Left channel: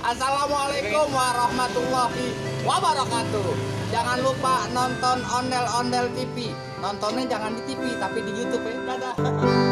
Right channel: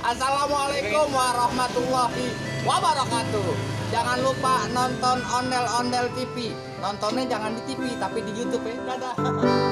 Assalamualaikum warahmatullahi wabarakatuh. Jangan lupa nonton Ondel-Ondel TV. Nontonnya jangan di TV tapi di YouTube ya. Dadah.